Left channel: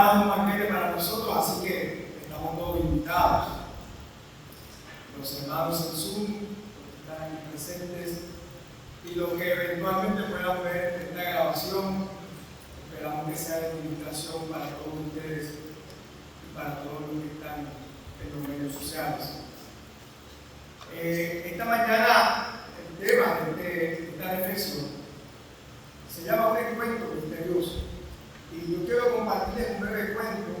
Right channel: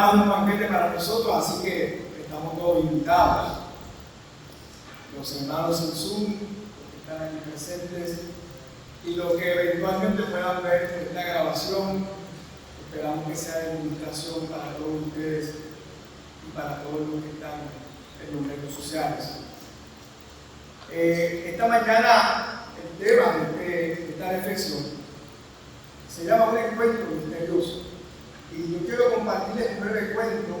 preparando un banquete para nosotros, así que estamos todos invitados. Los hermanos en Zoom, los que están aquí presentes, y los que eventualmente puedan ver esta grabación, esperamos que sea de administración para todos ustedes y para todos los que están en los medios sociales. Esta mañana el tema de esta reflexión se llama un encuentro misterioso, y yo quiero compartirles un breve cuento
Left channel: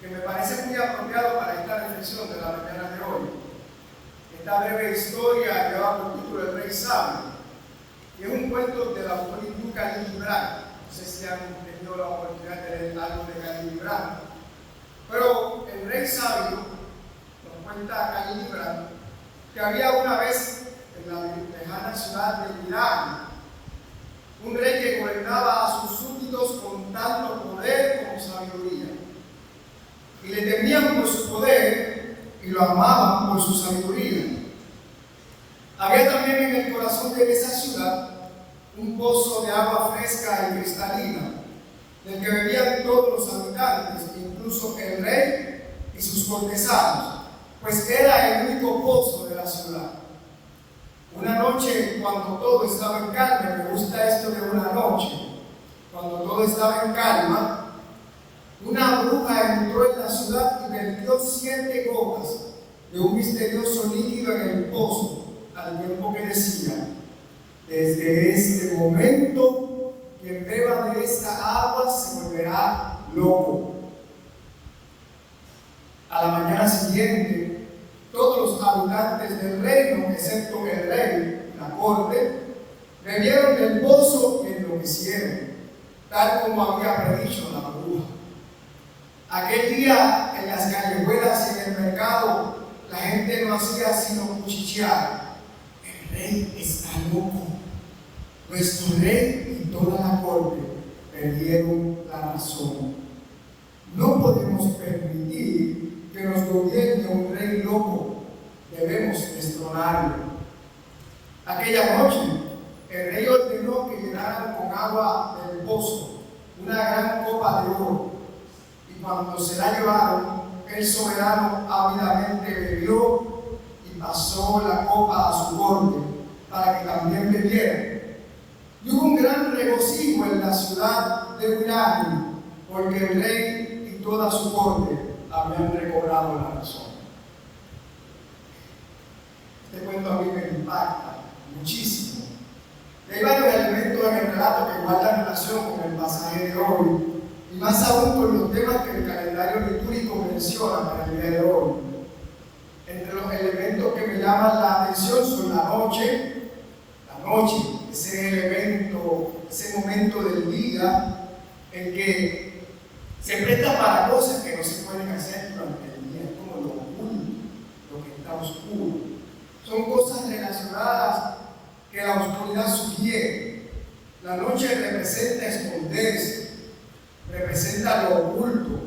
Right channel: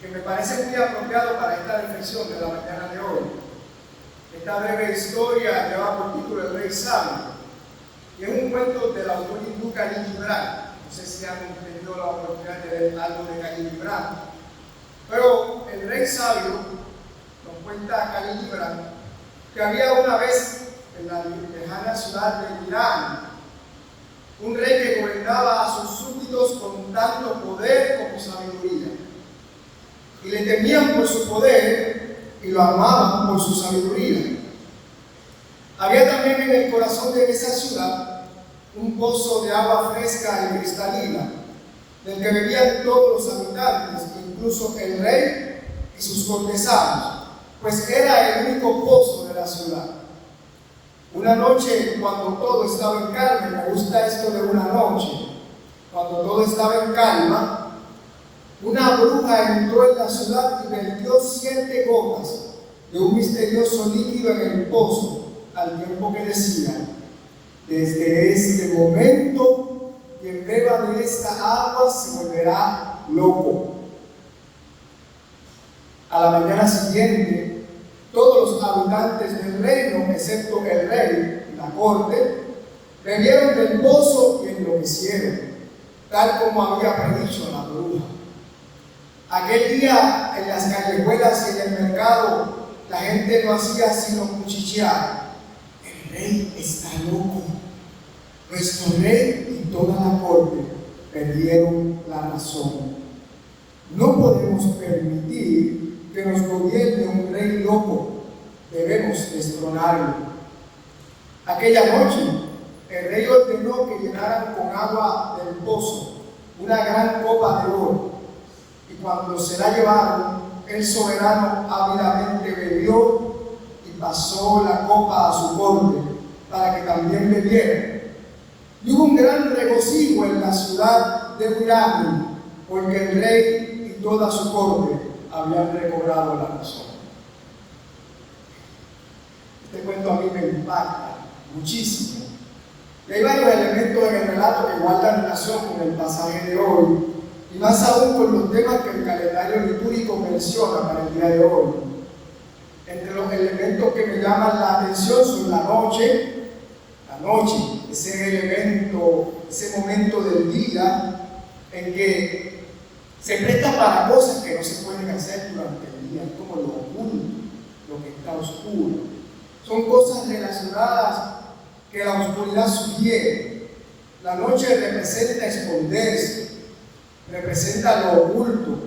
que me parece muy apropiado para esta reflexión de la mañana de hoy. Esta breve historia lleva por título El Rey Sabio, y es un cuento del autor hindú Khalil Gibran. No sé si han tenido la oportunidad de leer algo de Khalil Gibran, pero el Rey Sabio nos cuenta Khalil Gibran que había una vez en la lejana ciudad de Irán un rey que gobernaba a sus súbditos con tanto poder como sabiduría, y le temían por su poder y lo amaban por su sabiduría. Había también en el corazón de esa ciudad un pozo de agua fresca y cristalina, del que bebían todos los habitantes, incluso el rey y sus cortesanos, pues era el único pozo de la ciudad. Una noche, cuando todo estaba en calma, me gusta esto de una noche, cuando todo estaba en calma, una bruja entró en la ciudad y vertió 7 gotas de un misterioso líquido en el pozo, al tiempo que decía: desde este momento, quien beba de esta agua se volverá loco. A la mañana siguiente, todos los habitantes del reino, excepto el rey y la corte, bebieron del pozo y enloquecieron, tal como había predicho la bruja. Aquel día, en las callejuelas y en el mercado, la gente no hacía sino cuchichear: el rey está loco. Nuestro rey y toda la corte perdieron la razón. No podemos permitir que nos gobierne un rey loco, debemos destronarlo. Aquella noche, el rey ordenó que llenaran con agua del pozo una gran copa de oro, y cuando se la llevaron, el soberano ávidamente bebió y pasó la copa a su corte para que también bebiera. Y hubo un gran regocijo en la ciudad de Irán, porque el rey y toda su corte habían recobrado la razón. Este cuento a mí me impacta muchísimo. Y hay varios elementos en el relato que guardan relación con el pasaje de hoy, y más aún con los temas que el calendario litúrgico menciona para el día de hoy. Entre los elementos que me llaman la atención son la noche, ese elemento, ese momento del día en que se presta para cosas que no se pueden hacer durante el día, como lo oculto, lo que está oscuro. Son cosas relacionadas que la oscuridad sugiere. La noche representa esconderse, representa lo oculto,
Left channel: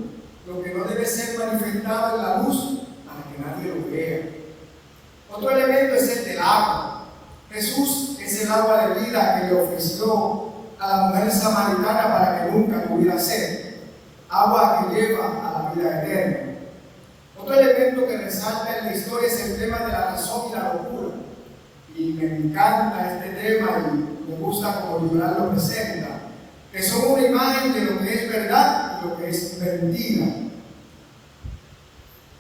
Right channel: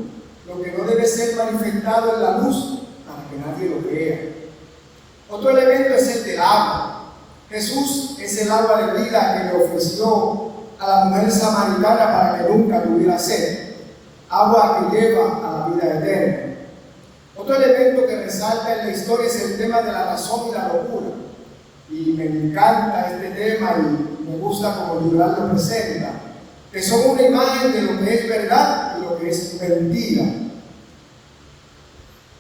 lo que no debe ser manifestado en la luz para que nadie lo vea. Otro elemento es el del agua. Jesús es el agua de vida que le ofreció a la mujer samaritana para que nunca tuviera sed, agua que lleva a la vida eterna. Otro elemento que resalta en la historia es el tema de la razón y la locura, y me encanta este tema y me gusta como Gibran lo presenta, que son una imagen de lo que es verdad y lo que es mentira,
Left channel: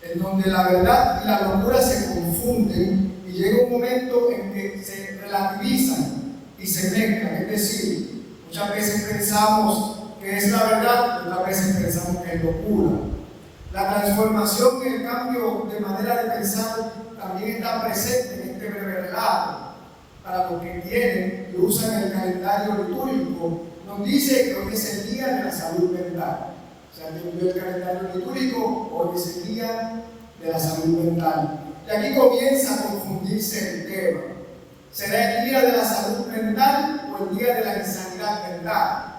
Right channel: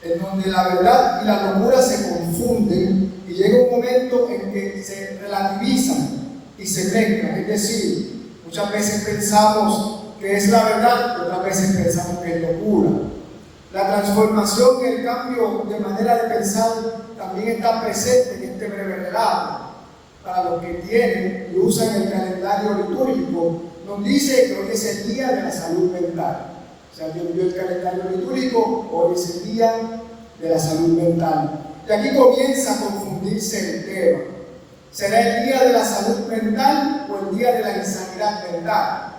en donde la verdad y la locura se confunden y llega un momento en que se relativizan y se mezclan. Es decir, muchas veces pensamos que es la verdad, otras veces pensamos que es locura. La transformación y el cambio de manera de pensar también está presente en este breve relato. Para los que tienen y usan el calendario litúrgico, nos dice que hoy es el día de la salud mental. O sea, quien vio el calendario litúrgico, hoy es el día de la salud mental. Y aquí comienza a confundirse el tema. ¿Será el día de la salud mental o el día de la insanidad mental?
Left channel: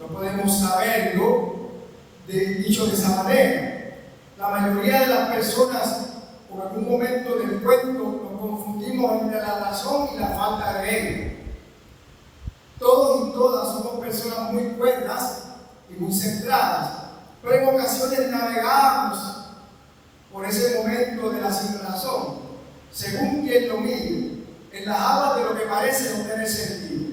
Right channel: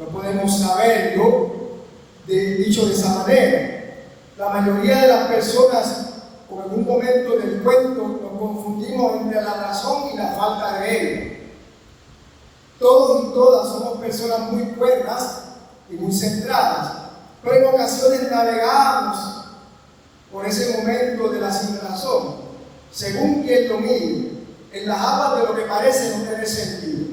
No podemos saberlo dicho de esa manera. La mayoría de las personas, en algún momento del cuento, nos confundimos entre la razón y la falta de ella. Todos y todas somos personas muy cuerdas, y muy centradas, pero en ocasiones navegamos por ese momento de la sinrazón, según quien lo mire, en las aguas de lo que parece no tener sentido.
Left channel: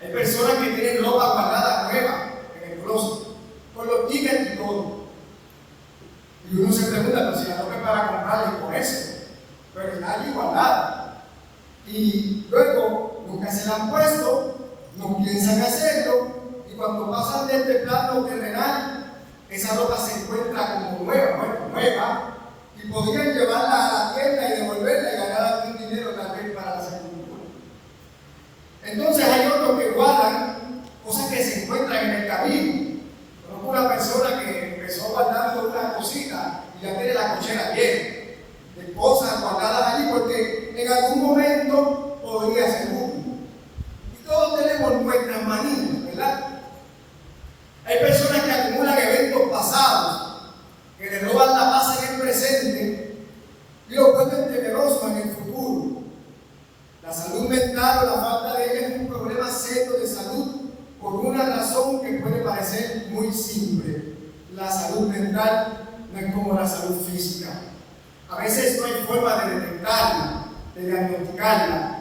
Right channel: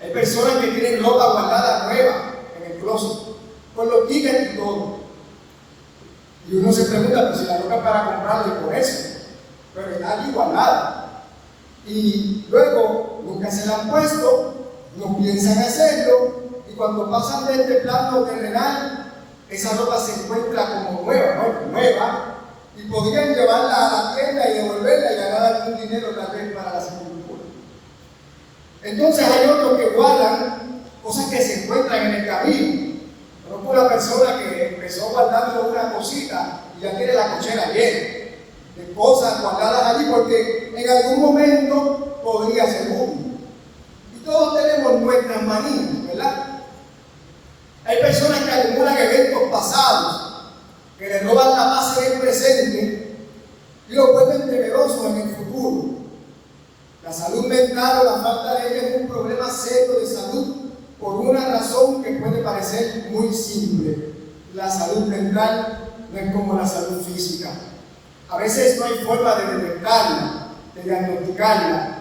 Hay personas que tienen ropa guardada nueva en el closet, con los tickets y todo. Y uno se pregunta, pues si la ropa es para comprarla y por eso, pero está allí guardada. Y luego nunca se la han puesto, no piensan hacerlo, y cuando pasan de este plano terrenal, esa ropa se encuentra como nueva, y podrían llevarla a la tienda y devolverla y ganar algún dinero tal vez para la sepultura. Entonces hay otros que guardan cosas que se encuentran en el camino. Conozco una persona que empezó guardando una cosita y ya tiene la cochera llena de cosas guardadas allí porque en algún momento podría ser útil. Y todos tenemos nuestras manías, ¿verdad? Hay personas que acumulan eventos pasados, que le roban la paz en el presente y lo vuelven temerosos en el futuro. La salud mental o la falta de ella es un problema serio de salud por una razón que puede parecer muy simple. La salud mental no es como la salud física. A veces no hay forma de detectarla, de diagnosticarla.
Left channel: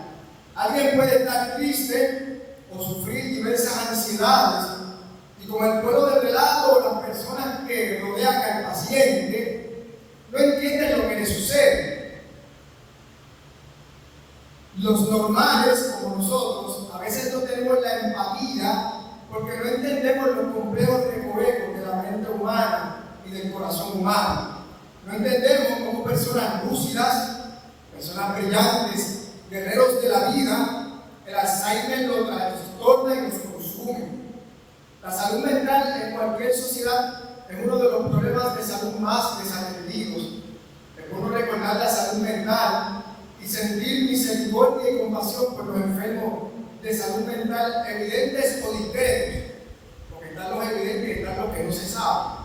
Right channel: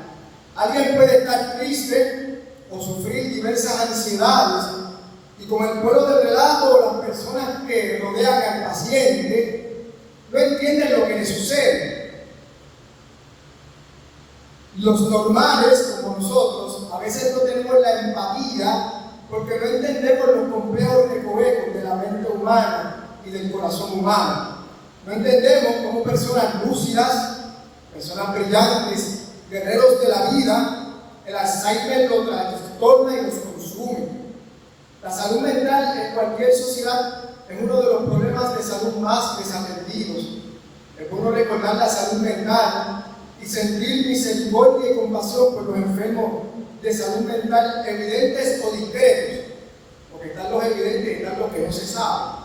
Alguien puede estar triste o sufrir diversas ansiedades y con el pueblo de relato, las personas que rodean al paciente no entienden lo que le sucede. Los normales, como nosotros, a veces no tenemos la empatía porque no entendemos los complejos recovecos de la mente humana y del corazón humano. No entendemos cómo personas lúcidas, personas brillantes, guerreros de la vida, el Alzheimer los trastorna y los consume. La salud mental en cualquier sociedad es uno de los problemas de salud más desatendidos. Es bueno recordar la salud mental y sentir misericordia y compasión por los enfermos de salud mental evidentes o discretos, porque están los evidentes y están los que no se saben.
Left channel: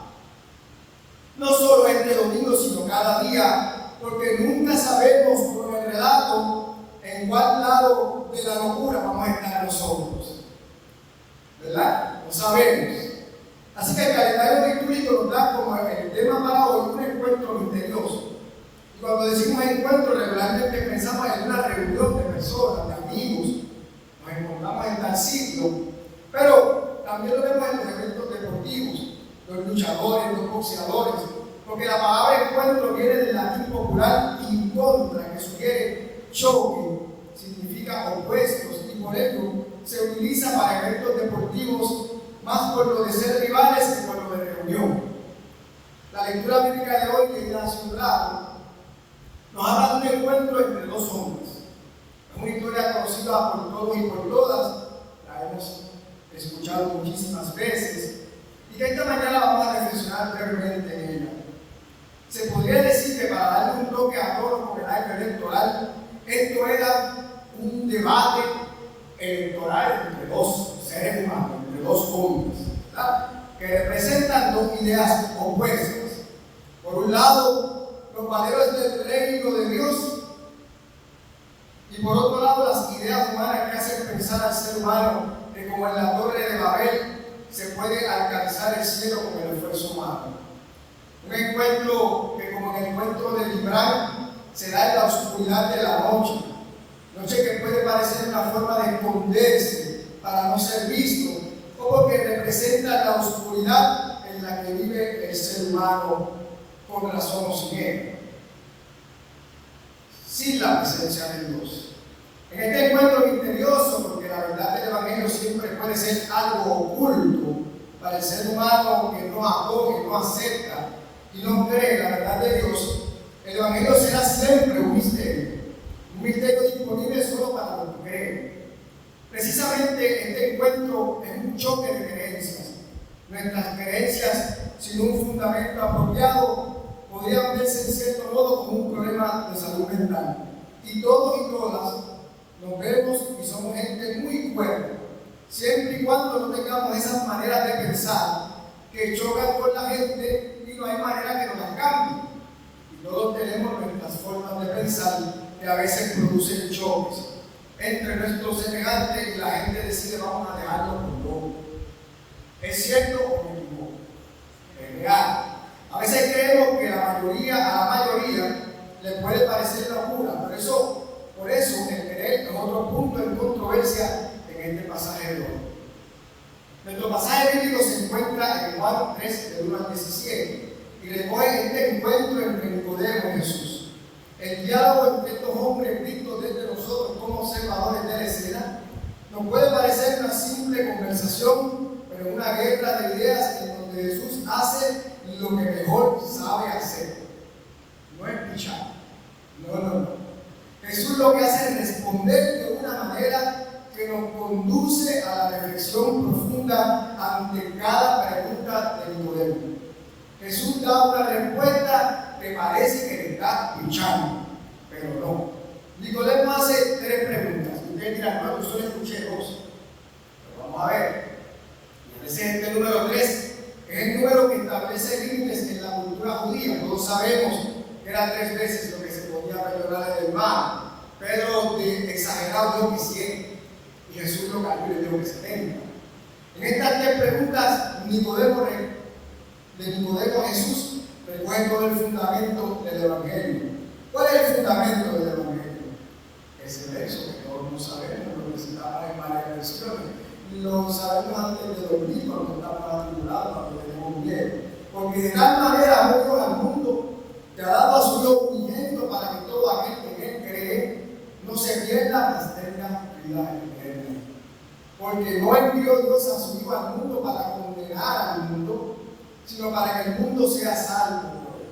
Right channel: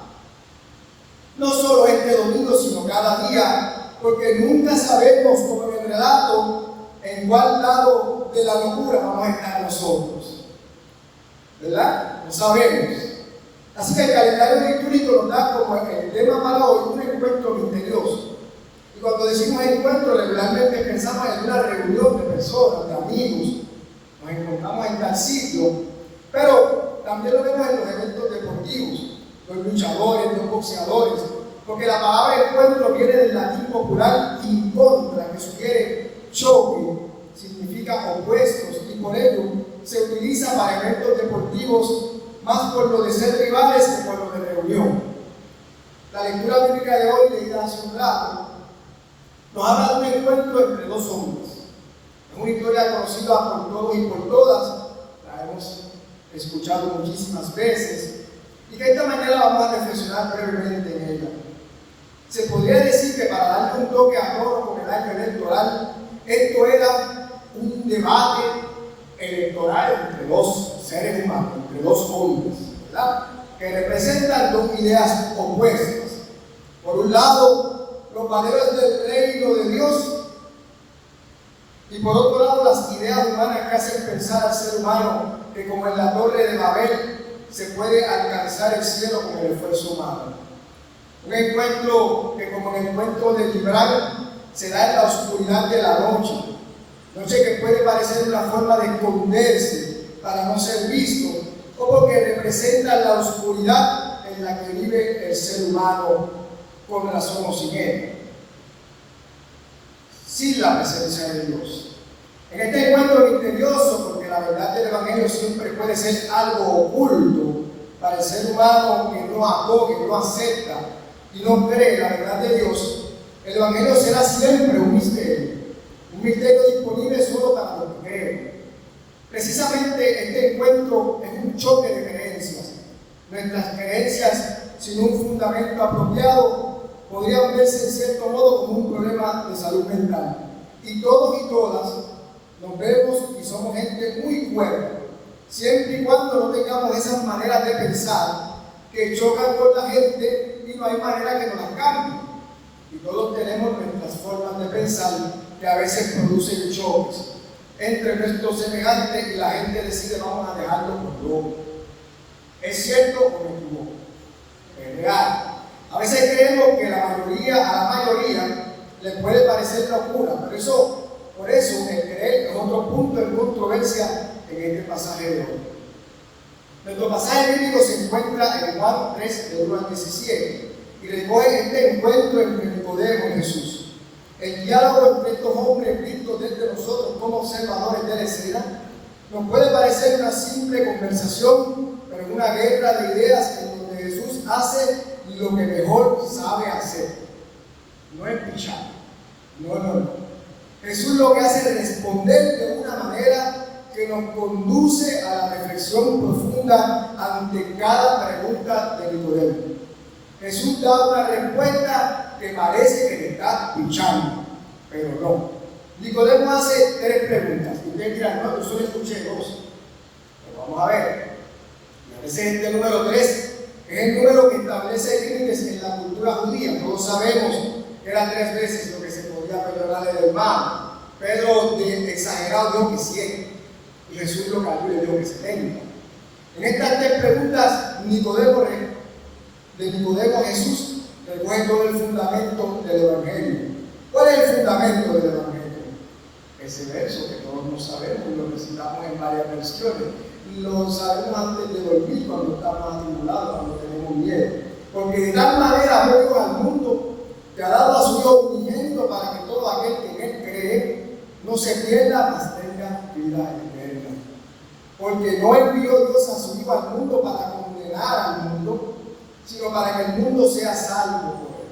No solo este domingo, sino cada día, porque nunca sabemos, como en el relato, en cuál lado de la locura vamos a estar nosotros. ¿Verdad? No sabemos. Así que el calendario litúrgico nos da como el tema para hoy un encuentro misterioso. Y cuando decimos encuentro, regularmente pensamos en una reunión de personas, de amigos. Nos encontramos en tal sitio, pero también lo vemos en los eventos deportivos, los luchadores, los boxeadores, porque la palabra encuentro viene del latín popular in contra, que sugiere choque, significa opuestos, y por ello se utiliza para eventos deportivos más por lo de ser rivales que por lo de reunión. La lectura bíblica de hoy, leída hace un rato, nos habla de un encuentro entre dos hombres. Es una historia conocida por todos y por todas, la hemos escuchado muchísimas veces, y que esta mañana vamos a reflexionar brevemente en ella. Se podría decir que para darle un toque a todo con el año electoral, esto era un debate electoral entre dos seres humanos, entre dos hombres, ¿verdad? Que representan dos ideas opuestas. Por un lado, los valores del reino de Dios, y por otro lado, las ideas humanas que hacen pensar al ser humano que como en la Torre de Babel se puede alcanzar el cielo con el esfuerzo humano. Un encuentro que como el encuentro de Gibran se da en la oscuridad de la noche. Noche que puede parecer una forma de esconderse para no ser visto, o porque representa la oscuridad en la que vive el ser humano con razón o sin él, sin la presencia de Dios. En este encuentro misterioso, porque la verdad del Evangelio siempre puede ser algo oculto para el ser humano que no acoge, no acepta y no cree la verdad de Dios, el Evangelio será siempre un misterio disponible solo para los que creen. Precisamente este encuentro es un choque de creencias. Nuestras creencias sin un fundamento apropiado podrían verse en cierto modo como un problema de salud mental. Y todos y todas nos vemos y somos gente muy cuerda, siempre y cuando no tengamos esas maneras de pensar que chocan con la gente y no hay manera que nos las cambie. Y todos tenemos nuestras formas de pensar que a veces producen choques entre nuestros semejantes y la gente decide vamos a dejarlo por loco. ¿Es cierto o me equivoco? Es real. A veces creemos que a la mayoría le puede parecer locura, pero por eso el creer es otro punto de controversia en este pasaje de hoy. Nuestro pasaje bíblico se encuentra en Juan 3, de 1 al 17, y recoge este encuentro entre Nicodemo y Jesús. El diálogo entre estos hombres vistos desde nosotros como observadores de la escena nos puede parecer una simple conversación, pero en una guerra de ideas en donde Jesús hace lo que mejor sabe hacer. No es pichar. No. Jesús lo que hace es responder de una manera que nos conduce a la reflexión profunda ante cada pregunta de Nicodemo. Jesús da una respuesta que parece que le está pichando, pero no. Nicodemo hace 3 preguntas. Y ustedes dirán, no, yo solo escuché 2. Pero vamos a ver. Y a veces este número 3 es el número que establece límites en la cultura judía. Todos sabemos que eran 3 veces lo que se podía perdonar el hermano. Pedro de exagerado dijo que 100. Y Jesús lo calculó y dijo que 70. En estas 3 preguntas, Nicodemo a Jesús recoge todo el fundamento del Evangelio. ¿Cuál es el fundamento del Evangelio? Ese verso que todos no sabemos, lo recitamos en varias versiones. Lo sabemos antes de dormir, cuando estamos atribulados, cuando tenemos miedo. Porque de tal manera amó Dios al mundo, que ha dado a su Hijo unigénito para que todo aquel que en él cree no se pierda, mas tenga vida eterna. Porque no envió Dios a su Hijo al mundo para condenar al mundo, sino para que el mundo sea salvo por él.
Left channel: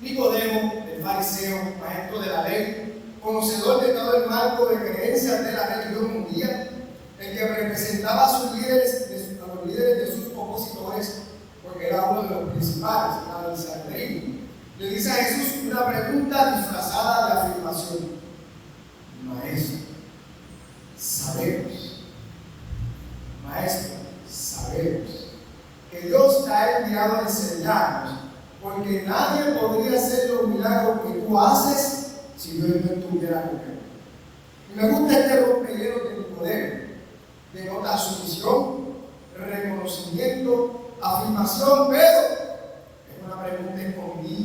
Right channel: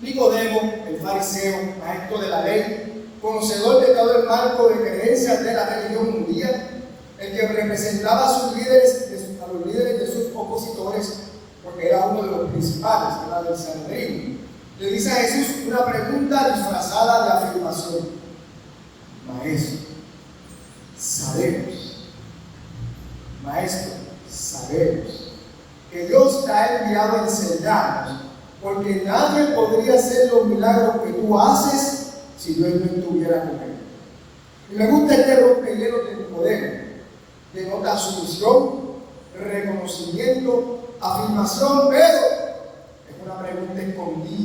Nicodemo, el fariseo, maestro de la ley, conocedor de todo el marco de creencias de la religión judía, el que representaba a los líderes de sus opositores, porque era uno de los principales, era del Sanedrín, le dice a Jesús una pregunta disfrazada de afirmación: Maestro, sabemos que Dios te ha enviado a enseñarnos, porque nadie podría hacer los milagros que tú haces si Dios no estuviera con él. Y me gusta este rompehielo de Nicodemo. Denota sumisión, reconocimiento, afirmación, pero es una pregunta escondida.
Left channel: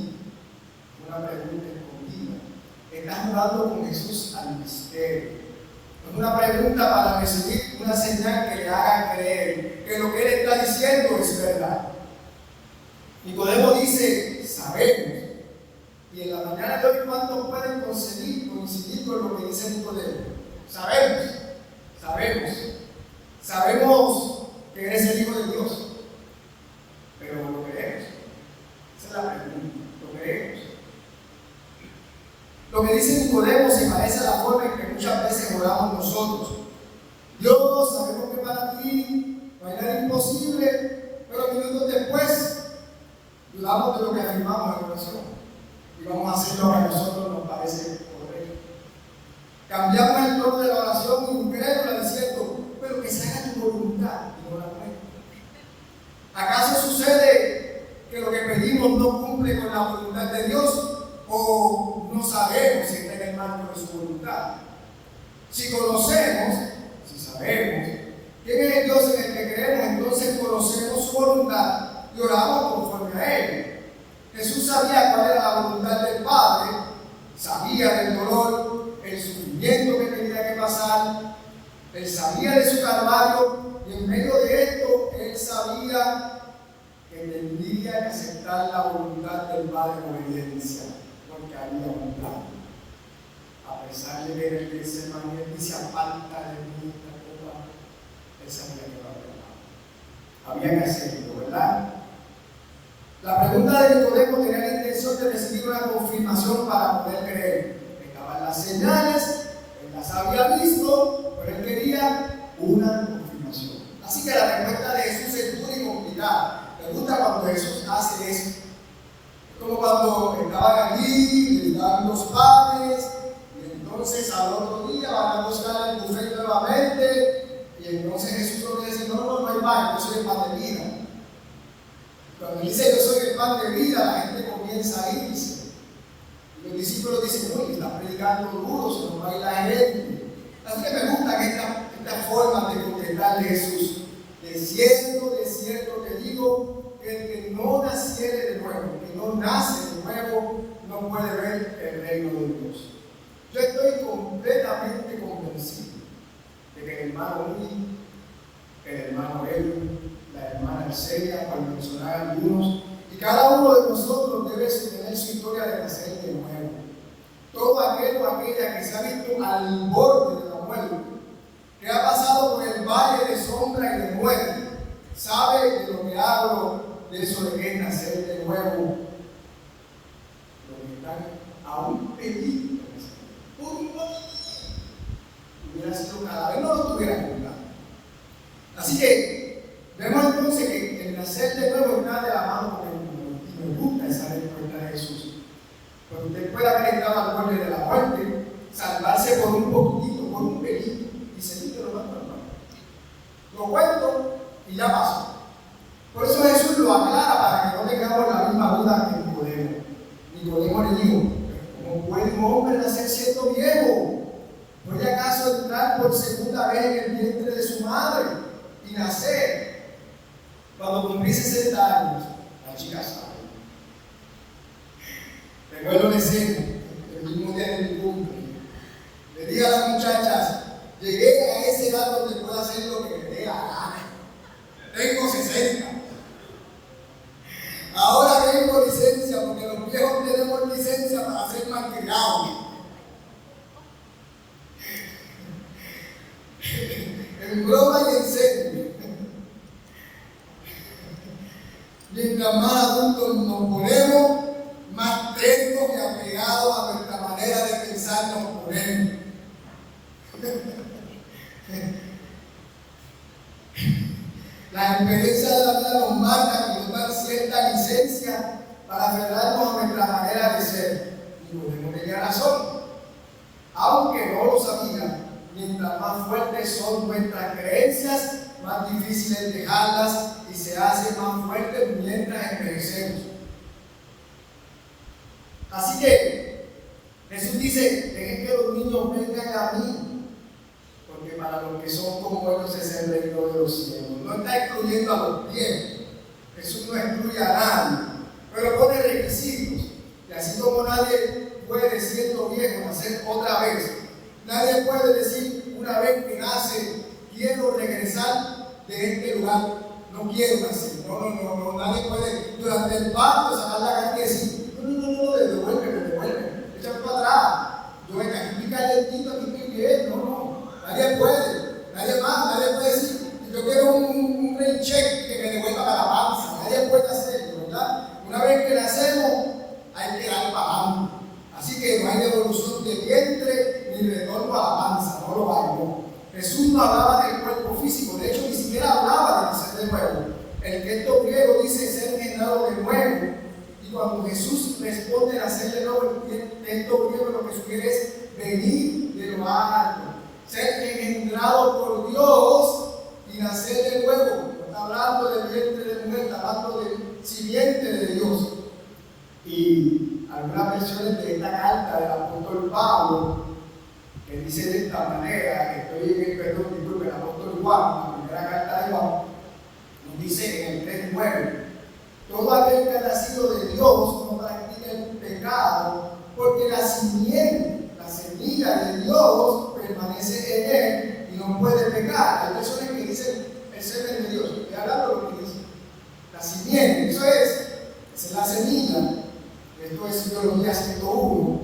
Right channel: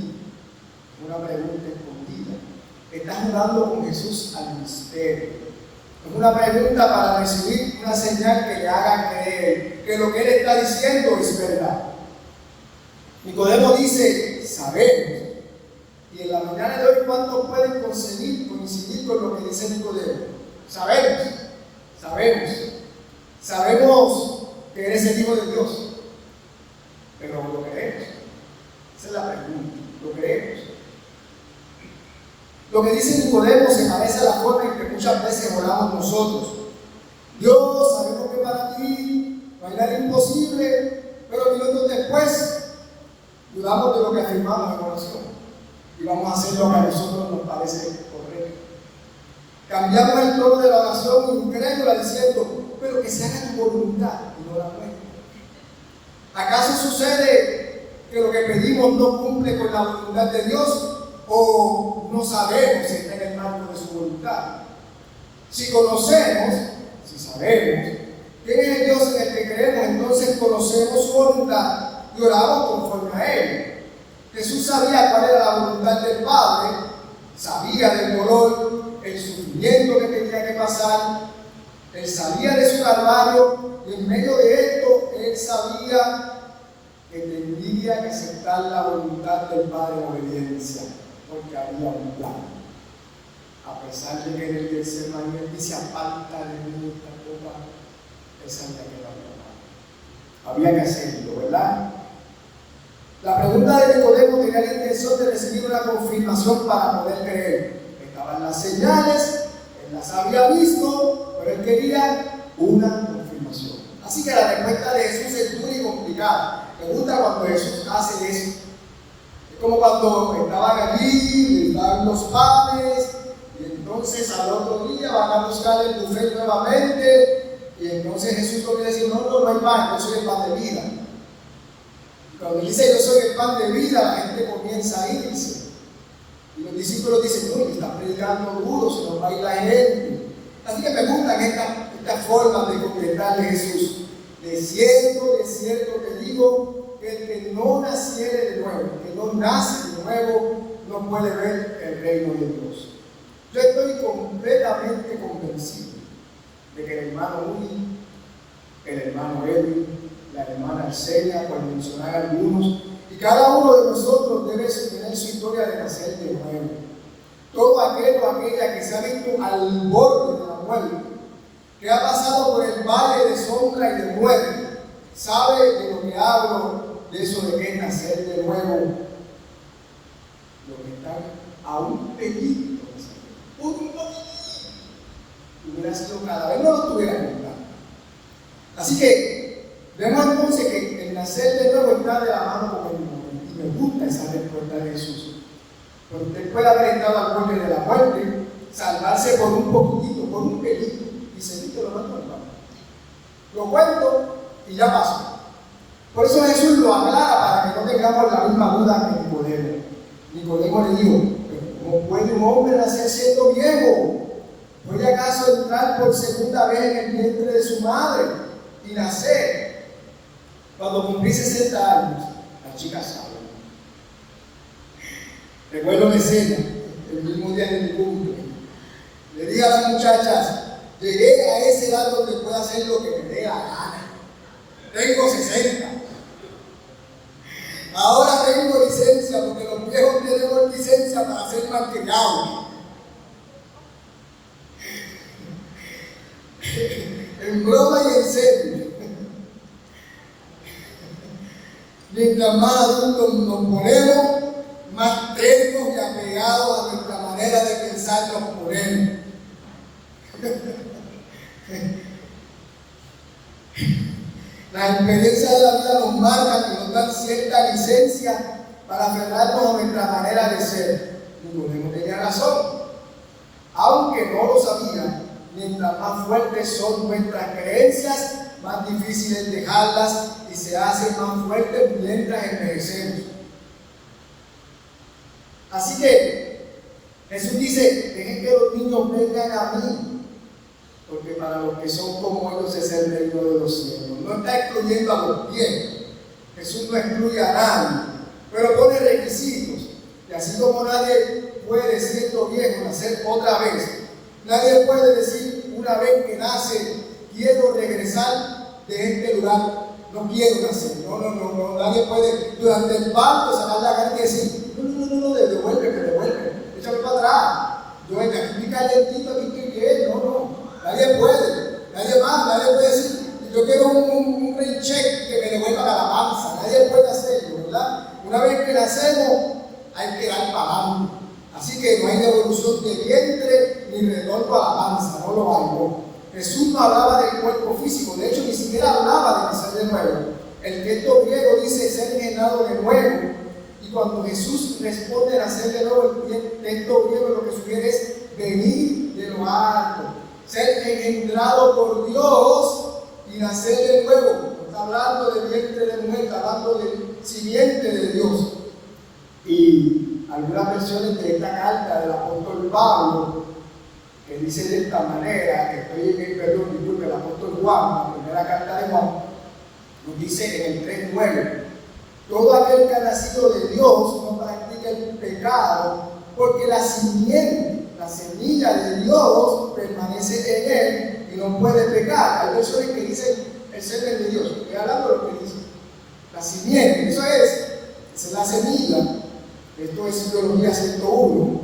Está jugando con Jesús al misterio. Es una pregunta para recibir una señal que le haga creer que lo que él está diciendo es verdad. Nicodemo dice, sabemos. Y en la mañana de hoy, ¿cuántos pueden coincidir con lo que dice Nicodemo? Sabemos que eres el Hijo de Dios, pero ¿lo creemos? Esa es la pregunta. ¿Lo creemos? Lo que dice Nicodemo se parece a la forma en que muchas veces oramos nosotros. Dios, sabemos que para ti no hay nada imposible, pero minutos después dudamos de lo que afirmamos en oración y vamos a hacer lo que a nosotros nos parece correcto. Cambiamos el tono de la oración incrédula diciendo, pero que se haga tu voluntad y no la nuestra. ¿Acaso sucede que lo que pedimos no cumple con la voluntad de Dios? ¿O no sabemos si está en el marco de su voluntad? Si sabemos quién es el Dios en el que creemos, entonces conocemos su voluntad y oramos conforme a él. Jesús sabía cuál era la voluntad del Padre, sabía del dolor, el sufrimiento que tenía que pasar, él sabía de su calvario, y en medio de esto él sabía que tendría que aceptar la voluntad del Padre en obediencia, porque había un plan. A pesar de que en el Getsemaní él dice, aparta de mí esta copa, él sabía que no había que hacerlo, ¿verdad? La pregunta de Nicodemo tenía la intención de recibir una confirmación para poder creer. Estaban las señales, él las había visto, pero él quería una confirmación. Así que la respuesta de Jesús es dura y complicada. Me gusta cuando Jesús hace eso. Es como cuando estaban allí, les daban los panes, y entonces al otro día van a buscar el buffet nuevamente, y entonces Jesús lo que dice, no hay pan, yo soy el pan de vida. Cuando dice yo soy el pan de vida, la gente comienza a irse. Y los discípulos dicen, uy, está predicando duro, se nos va a ir la gente. Así que me gustan estas formas de contestarle a Jesús. de cierto te digo, que el que no naciere de nuevo, el que no nace de nuevo, no puede ver el reino de Dios. Yo estoy completamente convencido de que el hermano Uri, el hermano Edwin, la hermana Arcelia, por mencionar algunos, y cada uno de nosotros debe tener su historia de nacer de nuevo. Todo aquel o aquella que se ha visto al borde de la muerte, que ha pasado por el valle de sombra y de muerte, sabe de lo que hablo, de eso de que es nacer de nuevo. Los que están a un pelito, hubiera sido cada vez, no lo tuviera contado. Así que vemos entonces que el nacer de nuevo está de la mano con el mundo. Y me gusta esa respuesta de Jesús. Pero usted puede haber estado al borde de la muerte, salvarse por un poquitito, por un pelito, y seguirte lo más normal. Lo cuento y ya pasó. Por eso Jesús lo aclara para que no tengamos la misma duda que Nicodemo. Nicodemo le dijo: ¿cómo puede un hombre nacer siendo viejo? ¿Puede acaso entrar por segunda vez en el vientre de su madre y nacer? Cuando cumplí 60 años, la chica sabe. Recuerdo la escena, el mismo día de mi cumple. Le dije a las muchachas: llegué a ese edad donde puedo hacer lo que me dé la gana. Tengo 60. Ahora tengo licencia, porque los viejos tenemos licencia para ser malcriados. En broma y en serio. Mientras más adultos nos ponemos, más tercos y apegados a nuestra manera de pensar nos ponemos. La experiencia de la vida nos marca y nos da cierta licencia para aferrarnos a nuestra manera de ser. Nicodemo tenía razón, aunque no lo sabía. Mientras más fuertes son nuestras creencias, más difícil es dejarlas y se hacen más fuertes mientras envejecemos. Así que Jesús dice: dejen que los niños vengan a mí, porque para los que son como ellos es el reino de los cielos. No está excluyendo a los viejos. Jesús no excluye a nadie, pero pone requisitos. Y así como nadie puede, siendo viejo, nacer otra vez, nadie puede decir una vez que nace: quiero regresar de este lugar, no quiero nacer. No, nadie puede durante el parto sacar la carne y decir: no, devuelve, échame para atrás. Yo aquí estoy calentito, aquí estoy bien. No, nadie puede, nadie puede decir: yo quiero un rain check que me devuelva a la panza. Nadie puede hacerlo, ¿verdad? Una vez que nacemos, hay que dar para adelante. Así que no hay devolución de vientre ni retorno a la panza, no lo hay, no. Jesús no hablaba del cuerpo físico, de hecho ni siquiera hablaba de nacer de nuevo. El texto griego dice ser generado de nuevo, y cuando Jesús responde a nacer de nuevo, el texto griego lo que sugiere es venir de lo alto, ser engendrado por Dios y nacer de nuevo. No está hablando del vientre de mujer, está hablando del simiente de Dios. Y algunas versiones de esta carta del apóstol Pablo, que dice de esta manera, disculpe, el apóstol Juan, la primera carta de Juan, nos dice en el 3:9: todo aquel que ha nacido de Dios no practica el pecado, porque la simiente, la semilla de Dios permanece en él y no puede pecar. Hay versiones que dicen el semen de Dios, estoy hablando de lo que dice la simiente, esa es la semilla. Esto es Teología 101.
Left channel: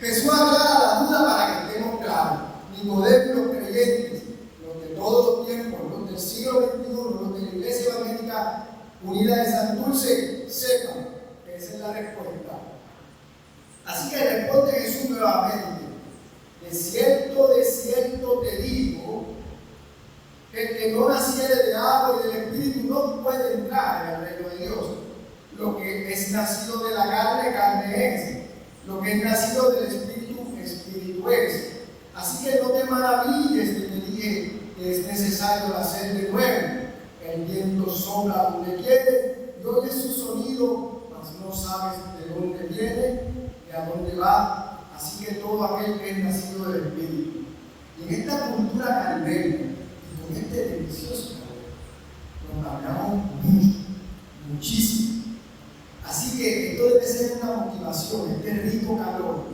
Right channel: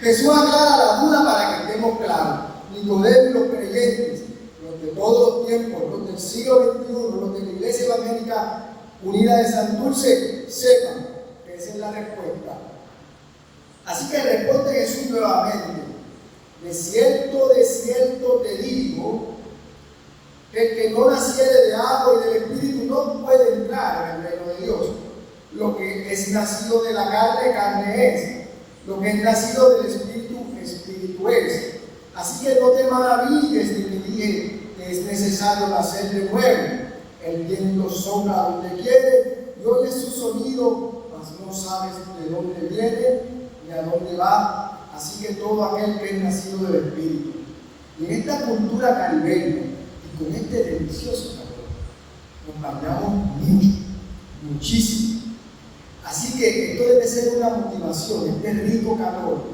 Jesús aclara la duda para que estemos claros. Nicodemo y los creyentes, los de todos los tiempos, los del siglo XXI, los de la Iglesia Evangélica Unida de San Dulce, sepan que esa es la respuesta. Así que responde Jesús nuevamente: de cierto te digo, que el que no naciere de agua y del Espíritu no puede entrar en el reino de Dios. Lo que es nacido de la carne, carne es. Lo que es nacido del Espíritu, Espíritu es. Así que no te maravilles de que dije que es necesario nacer de nuevo. El viento sopla donde quiere y oyes su sonido, mas no sabes de dónde viene ni a dónde va. Así que todo aquel que es nacido del Espíritu. Y en esta cultura caribeña y con este delicioso calor, nos bañamos mucho, muchísimo. Así que esto debe ser una motivación, este rico calor,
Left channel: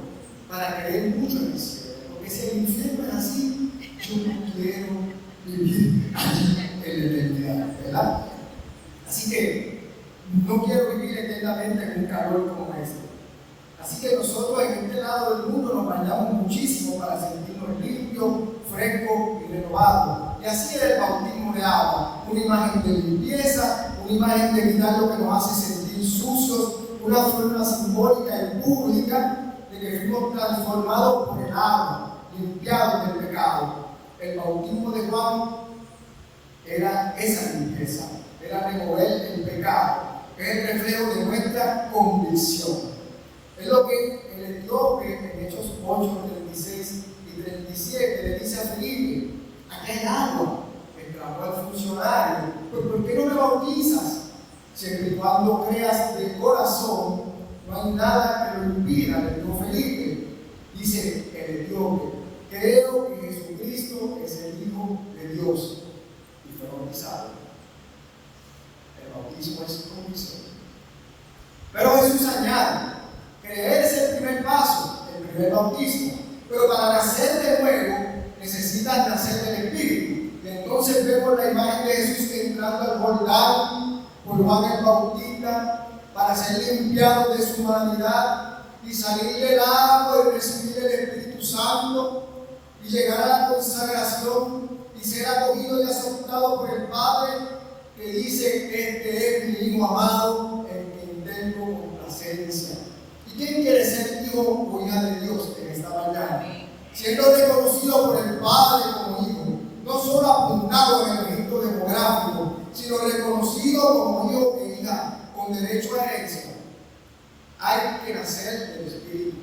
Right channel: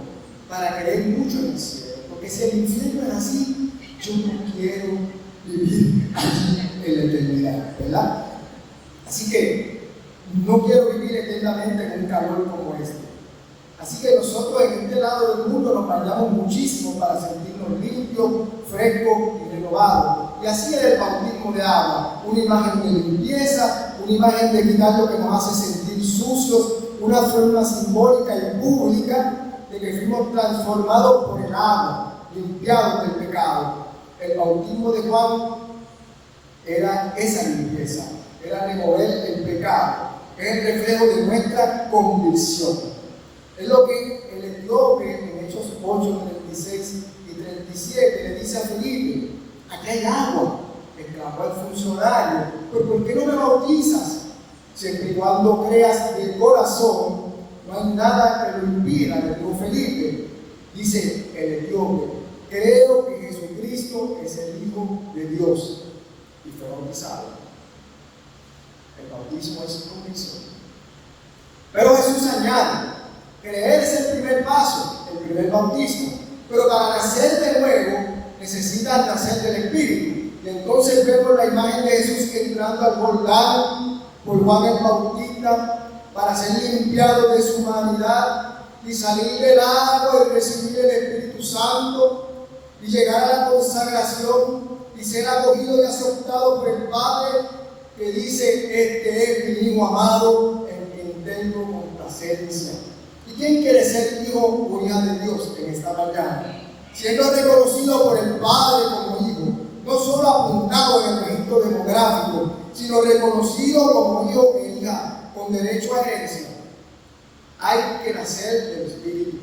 para creer mucho en el cielo. Porque si el infierno es así, yo no quiero vivir allí en la eternidad, ¿verdad? Así que no quiero vivir eternamente en un calor como este. Así que nosotros en este lado del mundo nos bañamos muchísimo para sentirnos limpios, frescos y renovados. Y así es el bautismo de agua, una imagen de limpieza, una imagen de quitar lo que nos hace sentir sucios, una forma simbólica y pública de que fuimos transformados por el agua, limpiados del pecado. El bautismo de Juan era esa limpieza, era remover el pecado, es el reflejo de nuestra convicción. Es lo que el etíope en Hechos 8, 36 y 37 le dice a Felipe: aquí hay agua. Exclamó el funcionario: pues ¿por qué no me bautizas? Siempre y cuando creas de corazón, no hay nada que lo impida, le dijo Felipe. Dice el etíope: creo que Jesucristo es el Hijo de Dios, y fue bautizado. El bautismo es convicción. Pero Jesús añade: creer es el primer paso, el primer bautismo, pero para nacer de nuevo necesitas nacer del Espíritu. Y entonces vemos la imagen de Jesús entrando al Jordán por Juan el Bautista para ser limpiado de su humanidad y salir del agua y recibir el Espíritu Santo y llegar a la consagración y ser acogido y aceptado por el Padre, que dice: este es mi Hijo amado en quien tengo complacencia. ¿Y quién quiere ser hijo o hija de Dios en esta mañana? Siendo reconocido por el Padre como hijo, no solo apuntado en el registro demográfico, sino reconocido como hijo e hija con derecho a herencia. Hay que nacer del Espíritu.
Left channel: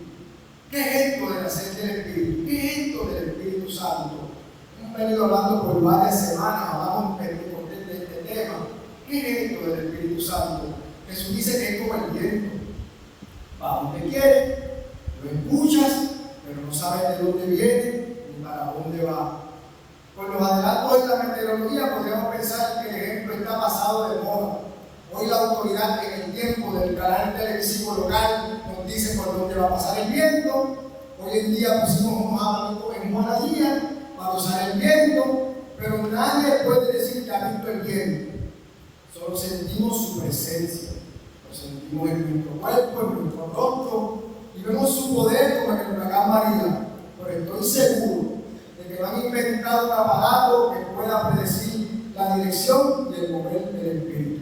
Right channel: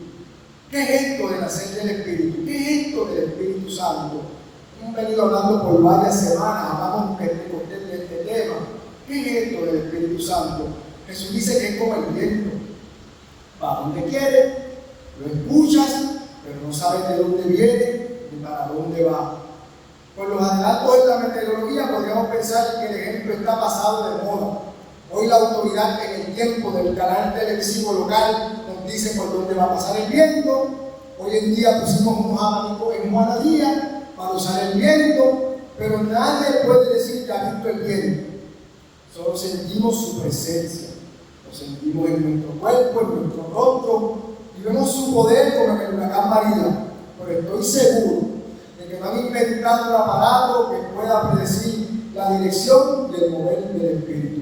¿Qué es esto de nacer del Espíritu? ¿Qué es esto del Espíritu Santo? Hemos venido hablando por varias semanas, hablamos de este tema. ¿Qué es esto del Espíritu Santo? Jesús dice que es como el viento. Va donde quiere, lo escuchas, pero no sabes de dónde viene ni para dónde va. Con los adelantos de la meteorología podríamos pensar que el ejemplo está pasado de moda. Hoy la autoridad en el tiempo del canal televisivo local nos dice por dónde va a pasar el viento. Hoy en día pusimos unos abanicos en Juana Díaz para usar el viento, pero nadie puede decir que ha visto el viento. Solo sentimos su presencia. Lo sentimos en nuestro cuerpo, en nuestro rostro, y vemos su poder como en el huracán María. Pero estoy seguro de que no han inventado un aparato que pueda predecir la dirección y el mover del Espíritu.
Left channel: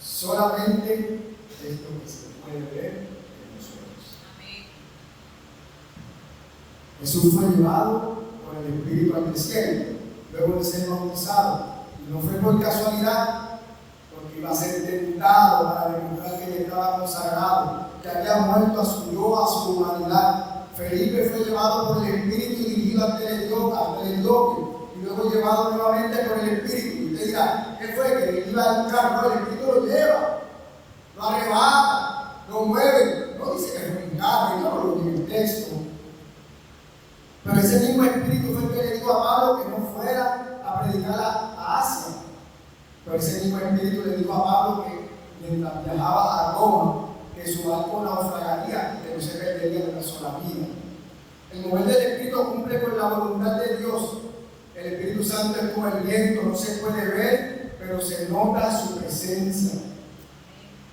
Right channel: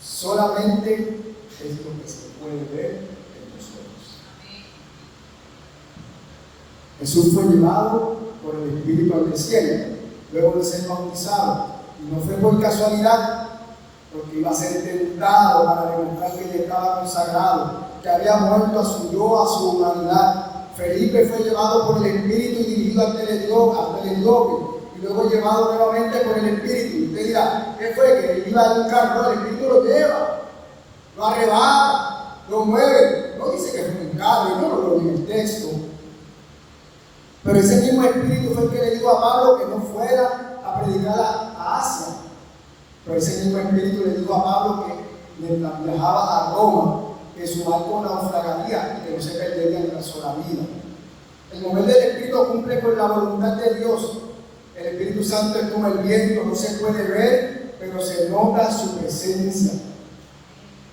Solamente es lo que se puede ver en los ojos. Jesús fue llevado por el Espíritu al desierto, luego de ser bautizado, y no fue por casualidad, porque iba a ser tentado para demostrar que ya estaba consagrado, que había muerto a su yo, a su humanidad. Felipe fue llevado por el Espíritu y dirigido al etíope, y luego llevado nuevamente por el Espíritu. Y usted dirá: ¿qué fue? Que iba en un carro, el Espíritu lo lleva, lo arrebata, lo mueve. No dice que es un carro, y no lo dice el texto. Pero ese mismo Espíritu fue el que le dijo a Pablo que no fuera a predicar a Asia. Pero ese mismo Espíritu le dijo a Pablo que mientras viajaba a Roma, que su barco naufragaría y que no se perdería en una sola vida. El mover del Espíritu cumple con la voluntad de Dios. El Espíritu Santo es como el viento, no se puede ver, pero se nota su presencia.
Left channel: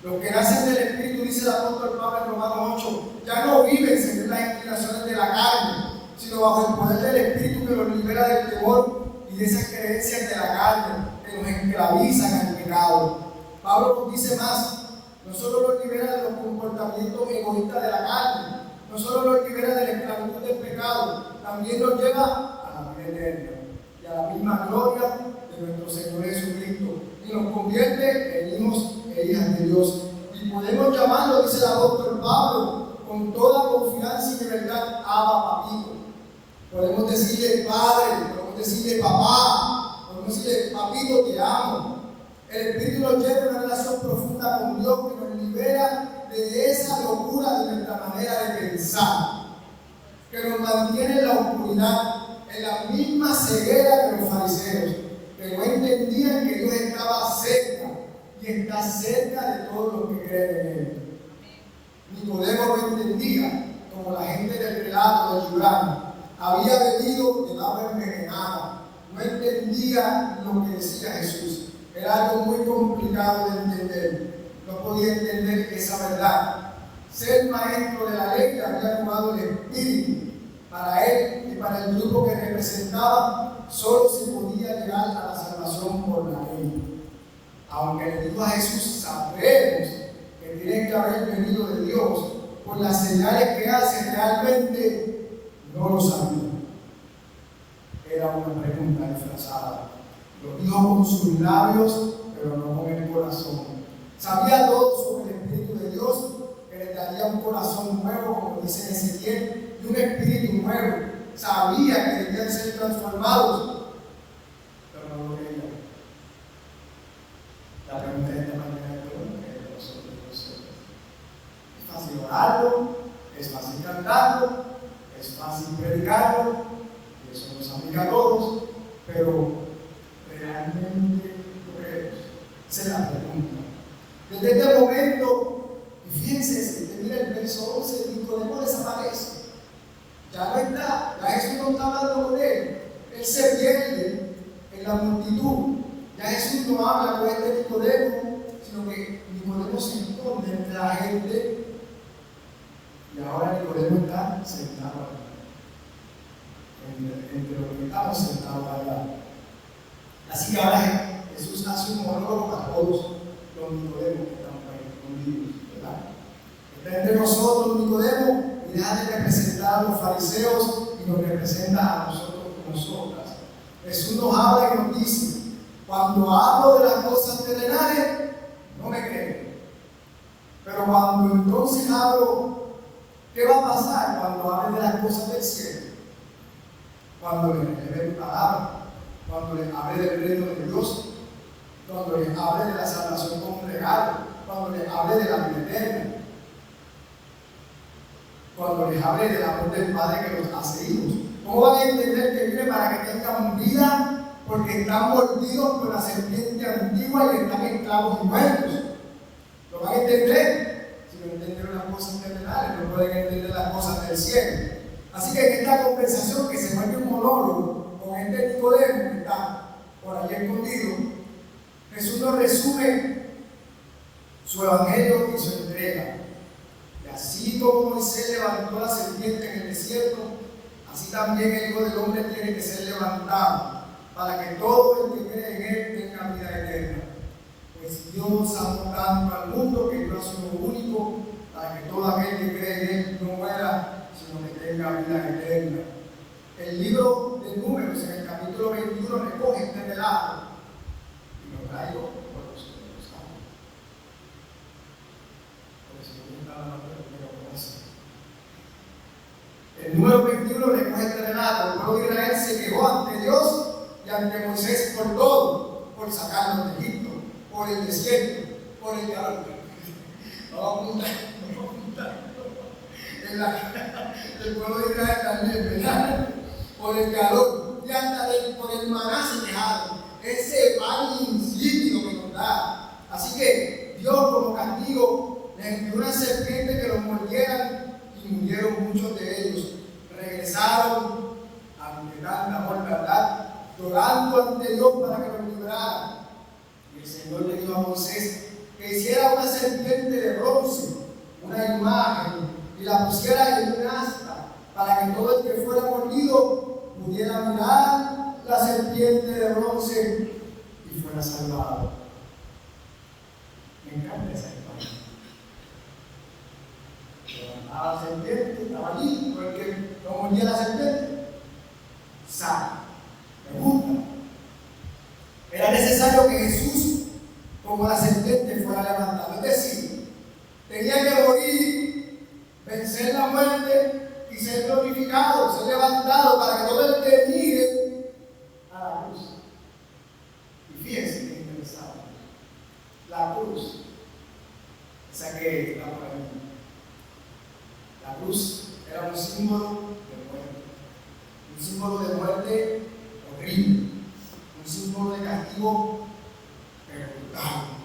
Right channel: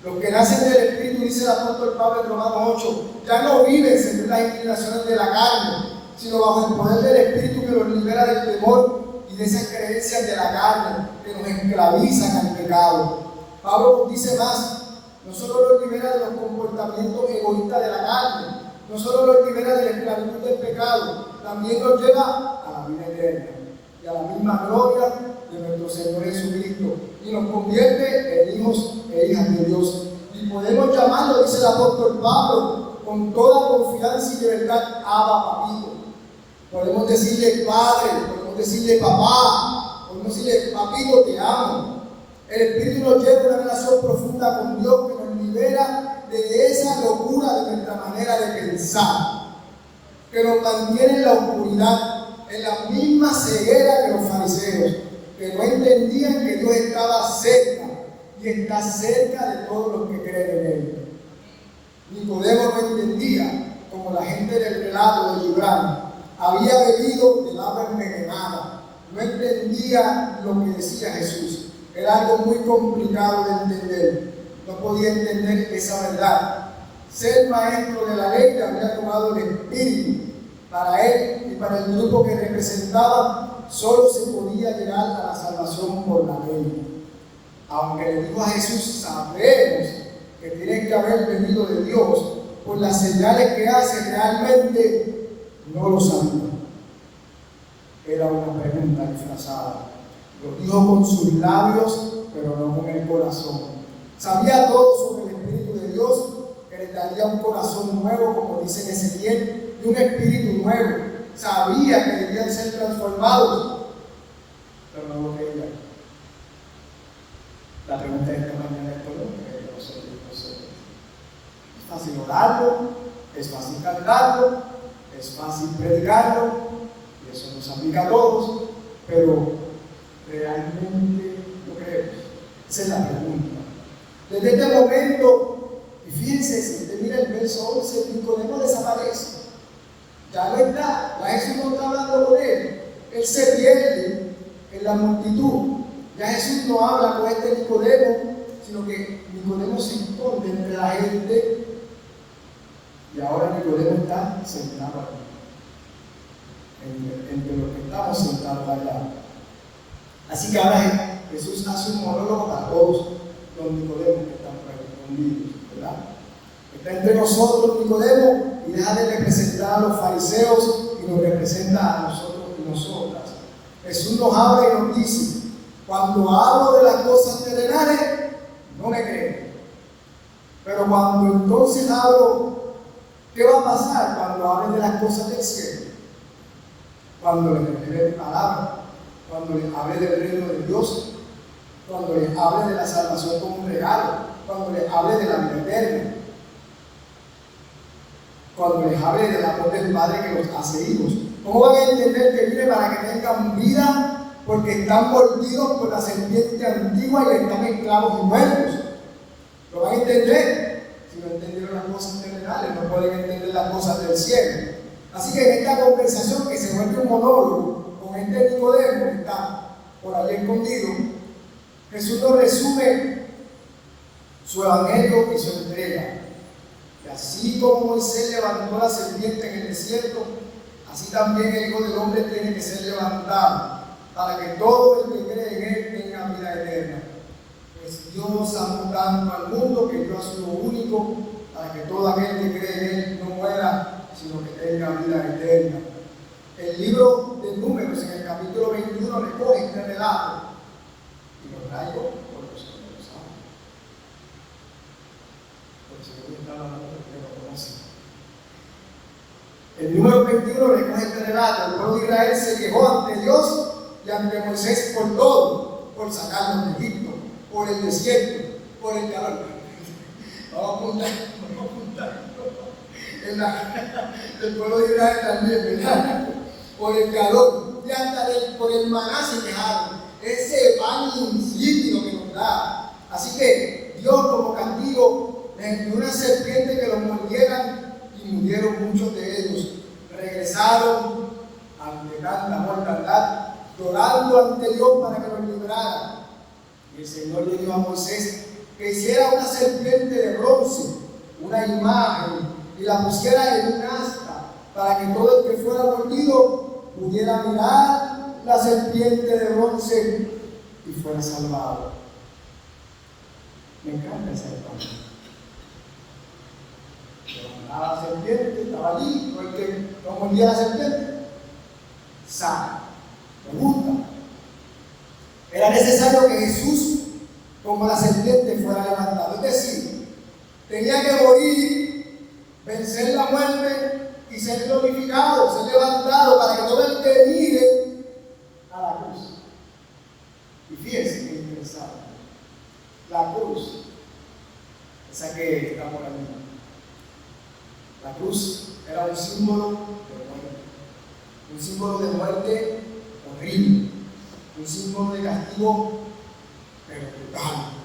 Los que nacen del Espíritu, dice el apóstol Pablo en Romanos 8, ya no viven según las inclinaciones de la carne, sino bajo el poder del Espíritu que los libera del temor y de esas creencias de la carne que nos esclavizan al pecado. Pablo nos dice más: no solo los libera de los comportamientos egoístas de la carne, no solo los libera de la esclavitud del pecado, también nos lleva a la vida eterna y a la misma gloria de nuestro Señor Jesucristo, y nos convierte en hijos e hijas de Dios. Y podemos llamarlo, dice el apóstol Pablo, con toda confianza y de verdad: Abba, Papito. Podemos decirle Padre, podemos decirle Papá, podemos decirle Papito, te amo. El Espíritu nos lleva a una relación profunda con Dios que nos libera de esa locura de nuestra manera de pensar. que nos mantiene en la oscuridad, en la misma ceguera que los fariseos, que no entendían que Dios estaba cerca y está cerca de todos los que creen en Él. Nicodemo no entendía, como la gente del relato de Gibran, había bebido del agua envenenada, no entendía lo que decía Jesús. Era algo muy complicado de entender, no podía entender esa verdad. Ser maestro de la ley le había tomado el espíritu. Para él y para el grupo que representaba, solo se podía llegar a la salvación por la ley. Aunque le dijo a Jesús, sabemos que tiene que haber venido de Dios, pues las señales que hace realmente no lo sabía. Era una pregunta disfrazada. Lo dijo con sus labios, pero no con el corazón. Sabía todo sobre el Espíritu de Dios, que le daría un corazón nuevo, como dice en Ezequiel, y un espíritu nuevo. Sabía que debían ser transformados, pero no lo creía. La pregunta de esta mañana es: ¿cómo creer nosotros? Es fácil orarlo, es fácil cantarlo, es fácil predicarlo, y eso nos aplica a todos, pero ¿realmente lo creemos? Esa es la pregunta. Desde este momento, y fíjense, si usted mira el verso 11, Nicodemo desaparece. Ya no está, ya Jesús no está hablando con él. Él se pierde en la multitud. Ya Jesús no habla con este Nicodemo, sino que Nicodemo se esconde entre la gente. Y ahora Nicodemo está sentado entre los que estamos sentados acá. Así que ahora Jesús hace un monólogo para todos los Nicodemus que están por ahí escondidos, ¿verdad? Está entre nosotros Nicodemo y deja de representar a los fariseos y nos representa a nosotros y nosotras. Jesús nos habla y nos dice: cuando hablo de las cosas terrenales, no me creen. Pero cuando entonces hablo, ¿qué va a pasar cuando hable de las cosas del cielo? Cuando les revele mi palabra, cuando les hable del reino de Dios, cuando les hable de la salvación como un regalo, cuando les hable de la vida eterna, cuando les hable del amor del Padre que los hace hijos. ¿Cómo van a entender que viene para que tengan vida? Porque están mordidos por la serpiente antigua y están esclavos y muertos. ¿Lo van a entender? Si no entendieron las cosas terrenales, no pueden entender las cosas del cielo. Así que en esta conversación, que se vuelve un monólogo con este Nicodemo que está por ahí escondido, Jesús nos resume su evangelio y su entrega. Y así como Moisés levantó la serpiente en el desierto, así también el Hijo del Hombre tiene que ser levantado, para que todo el que cree en Él tenga vida eterna. Pues Dios amó tanto al mundo que dio a su Hijo único, para que todo aquel que cree en Él no muera, sino que tenga vida eterna. El libro de Números, en el capítulo 21, recoge este relato y lo traigo por los que lo saben. Por eso yo estaba hablando de que lo conocen. El número 21 recoge este relato. El pueblo de Israel se quejó ante Dios y ante Moisés por todo: por sacarlos de Egipto, por el desierto, por el calor. Vamos a apuntar. En la del pueblo de Israel también, ¿verdad? Por el calor y hasta por el maná se quejaron. Ese pan insípido que nos da. Así que Dios, como castigo, les envió una serpiente que los mordieran y murieron muchos de ellos. Regresaron ante tanta mortandad, llorando ante Dios para que los librara. Y el Señor le dijo a Moisés que hiciera una serpiente de bronce, una imagen, y la pusiera en un asta, para que todo el que fuera mordido pudiera mirar la serpiente de bronce y fuera salvado. Me encanta esa imagen. Levantaba la serpiente, estaba allí, no el que no mordía la serpiente, sano. Me gusta. Era necesario que Jesús, como la serpiente, fuera levantado. Es decir, tenía que morir, vencer la muerte y ser glorificado, ser levantado, para que todo el que mire a la cruz. Y fíjense que interesante. La cruz, esa que está por aquí. La cruz era un símbolo de símbolo de castigo, pero brutal.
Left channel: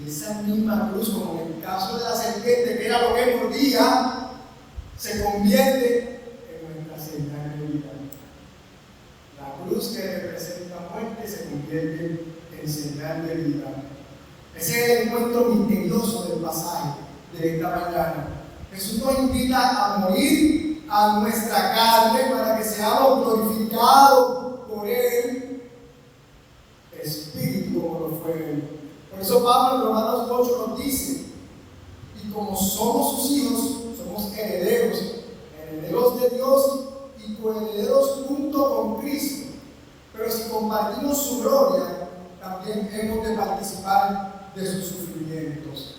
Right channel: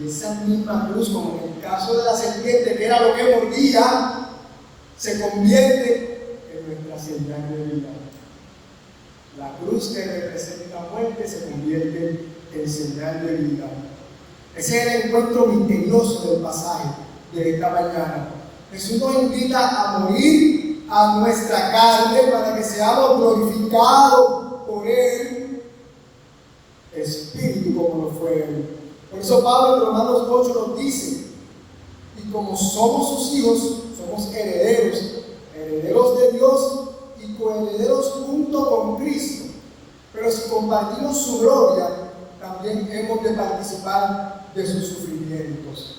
Y esa misma cruz, como en el caso de la serpiente, que era lo que mordía, se convierte en nuestra señal de vida. La cruz que representa muerte se convierte en señal de vida. Ese es el encuentro misterioso del pasaje de esta mañana. Jesús nos invita a morir a nuestra carne para que seamos glorificados por Él, Espíritu como lo fue Él. Por eso Pablo en Romanos 8 nos dice, y como somos sus hijos, somos herederos, herederos de Dios y coherederos junto con Cristo. Pero si compartimos su gloria, también hemos de participar de sus sufrimientos.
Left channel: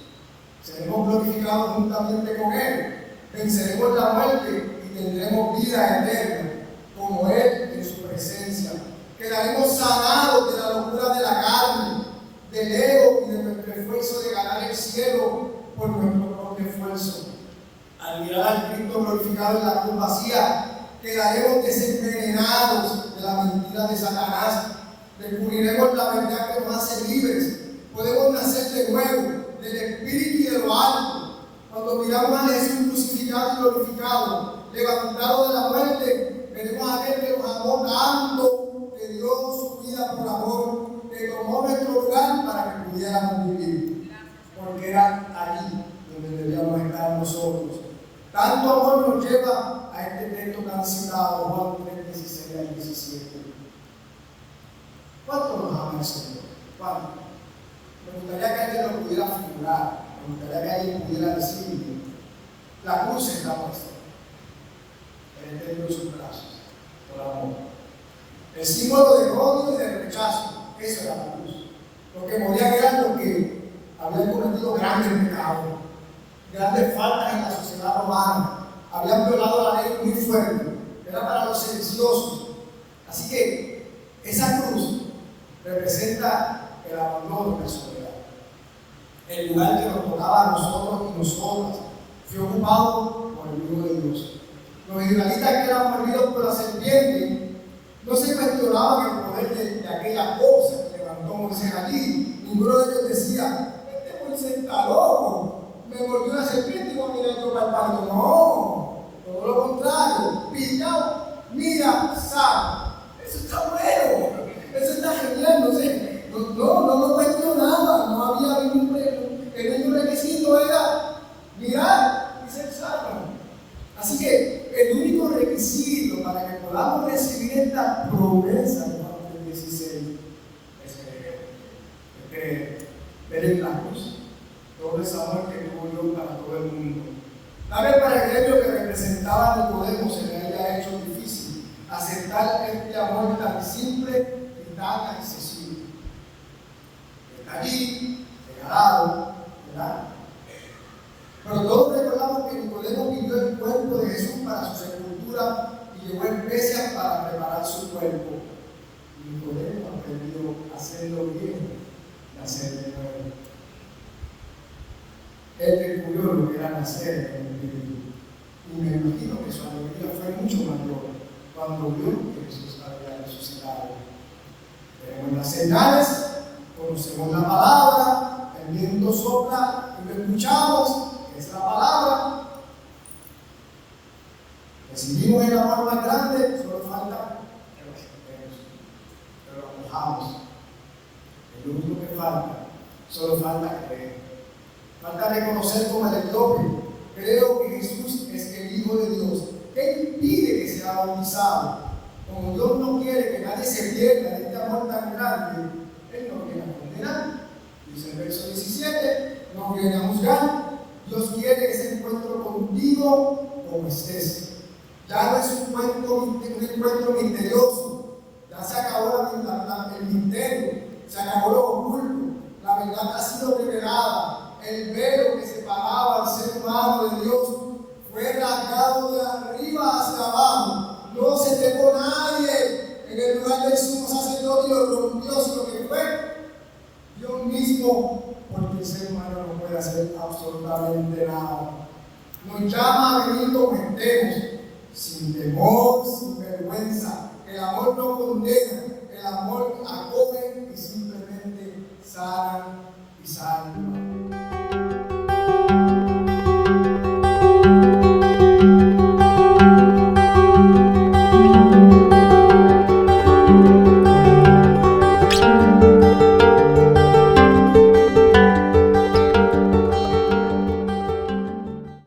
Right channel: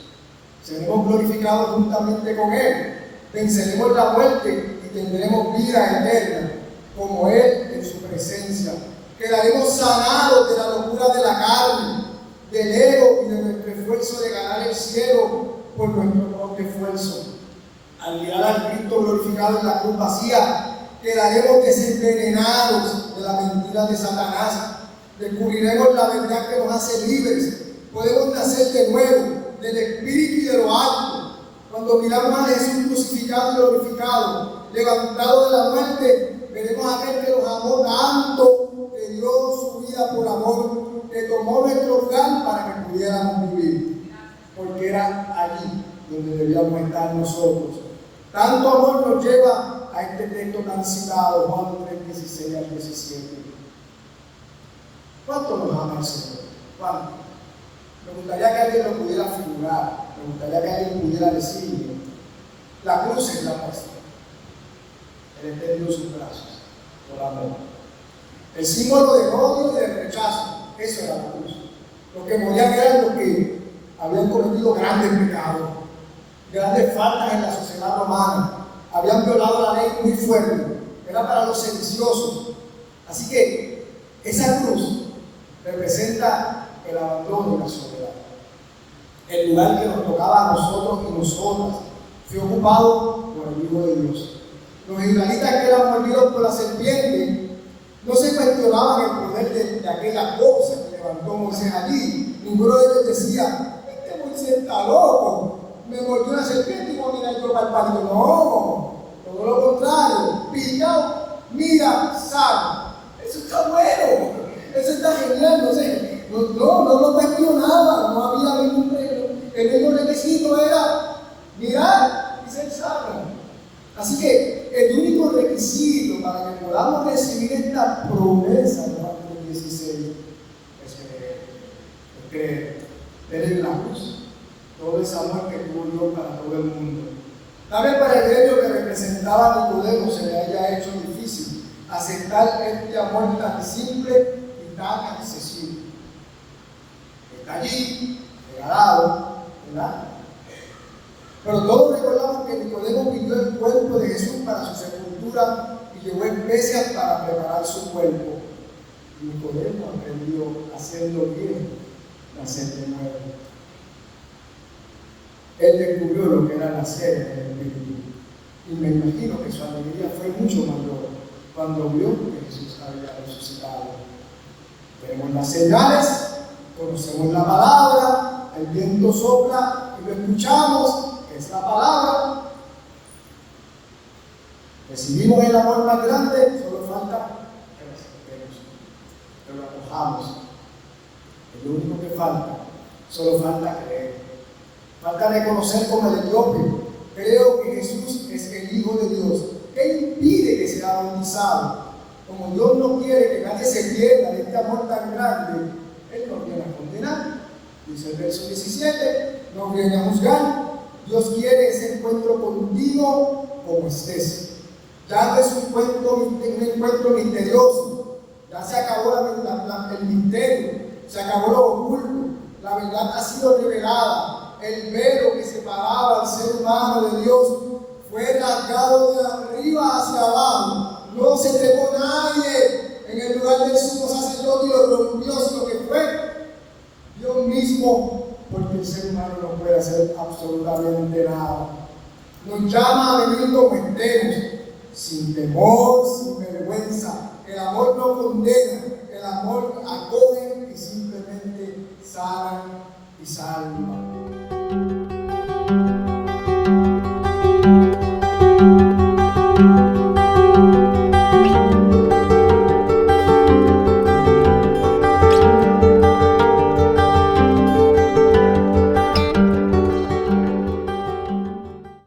Seremos glorificados juntamente con Él, venceremos la muerte y tendremos vida eterna, como Él en su presencia. Quedaremos sanados de la locura de la carne, del ego y de nuestro esfuerzo de ganar el cielo por nuestro propio esfuerzo. Al mirar al Cristo glorificado en la cruz vacía, quedaremos desenvenenados de la mentira de Satanás. Descubriremos la verdad que nos hace libres. Podemos nacer de nuevo, del Espíritu y de lo alto. Cuando miramos a Jesús crucificado y glorificado, levantado de la muerte, veremos a aquel que nos amó tanto, que dio su vida por amor, que tomó nuestro lugar para que pudiéramos vivir. Porque era allí donde debíamos estar nosotros. Tanto amor nos lleva a este texto tan citado, Juan 3:16 al 17. ¿Cuánto nos ama el Señor? ¿Cuánto? Me gustaría que alguien lo pudiera figurar, me gustaría que alguien pudiera decirlo. La cruz es la muestra. Él extendió sus brazos por amor. El símbolo de odio y de rechazo, eso era la cruz. Los que morían eran los que habían cometido grandes pecados, grandes faltas en la sociedad romana, habían violado la ley muy fuerte, era para los sediciosos. Así que esa cruz representa el abandono y la soledad. El lugar que nos tocaba a nosotros y nosotras fue ocupado por el Hijo de Dios. Los israelitas que eran mordidos por la serpiente no se cuestionaban el poder de aquella cosa que levantó Moisés allí. Ninguno de ellos decía, este Moisés está loco, me mordió una serpiente y voy a mirar yo para el palito. No, todo lo contrario, pillado, mira, sal. Eso está bueno, eso está genial, no sé, no lo cuestionaba, no había ningún premio. El único requisito era mirar y ser sano. Así que el único requisito para que podamos recibir esta promesa de Juan 16 es creer en la cruz. Todo ese amor que tuvo Dios para todo el mundo. Tal vez para el gremio que representaba Nicodemo se le haya hecho difícil aceptar este amor tan simple y tan accesible. Está allí, regalado, ¿verdad? Pero todos recordamos que Nicodemo pidió el cuerpo de Jesús para su sepultura y llevó especias para preparar su cuerpo. Nicodemo aprendió haciendo bien, nacer de nuevo. Él descubrió lo que era nacer en el peligro. Y me imagino que su alegría fue mucho mayor cuando vio que Jesús había resucitado. Tenemos las señales, conocemos la palabra, el viento sopla y lo escuchamos. Es la palabra. Recibimos el amor más grande, solo falta que lo aceptemos, que lo acojamos. Es lo único que falta, solo falta creer. Falta reconocer como el etíope, creo que Jesús es el Hijo de Dios. ¿Qué impide que sea bautizado? Como Dios no quiere que nadie se pierda de este amor tan grande, Él no viene a condenar. Dice el verso 17, no viene a juzgar. Dios quiere ese encuentro contigo como estés. Ya no es un encuentro misterioso. Ya se acabó el misterio, se acabó lo oculto. La verdad ha sido revelada. El velo que separaba al ser humano de Dios fue rasgado de arriba hacia abajo. No se quedó nadie en el lugar del sumo sacerdote y lo rompió, sino que fue Dios mismo. Porque el ser humano no puede hacer absolutamente nada. Nos llama a venir como estemos, sin temor, sin vergüenza. El amor no condena, el amor acoge salva.